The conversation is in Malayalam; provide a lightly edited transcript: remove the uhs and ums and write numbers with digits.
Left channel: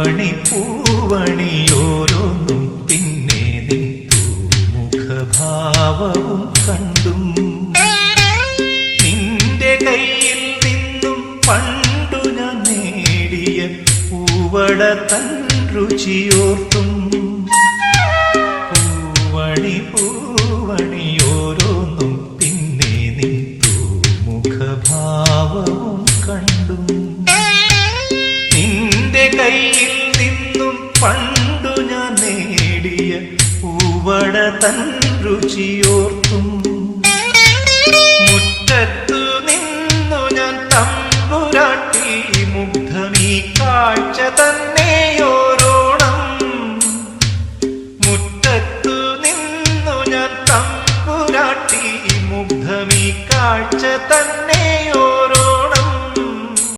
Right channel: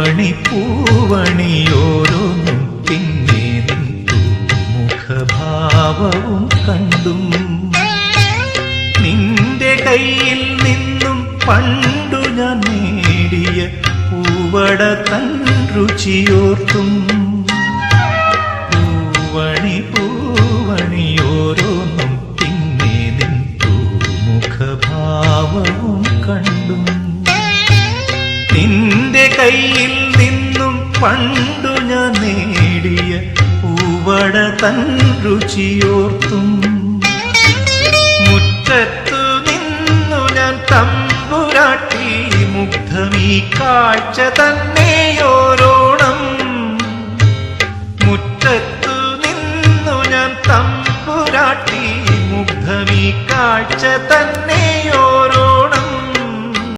പൂവണി പൂവണിയോരോന്നും പിന്നെ നിൻ മുഖഭാവവും കണ്ടും നിന്റെ കയ്യിൽ നിന്നും പണ്ടു ഞാൻ നേടിയ പൂവട തൻ രുചിയോർത്തും പൂവണി പൂവണിയോരോന്നും പിന്നെ നിൻ മുഖഭാവവും കണ്ടും നിന്റെ കയ്യിൽ നിന്നും പണ്ടു ഞാൻ നേടിയ പൂവട തൻ രുചിയോർത്തും മുറ്റത്തു നിന്നു ഞാൻ തമ്പുരാട്ടി മുഗ്ധമീ കാഴ്ച തന്നെയോരോണം മുറ്റത്തു നിന്നു ഞാൻ തമ്പുരാട്ടി മുഗ്ധമീ കാഴ്ച തന്നെയോരോ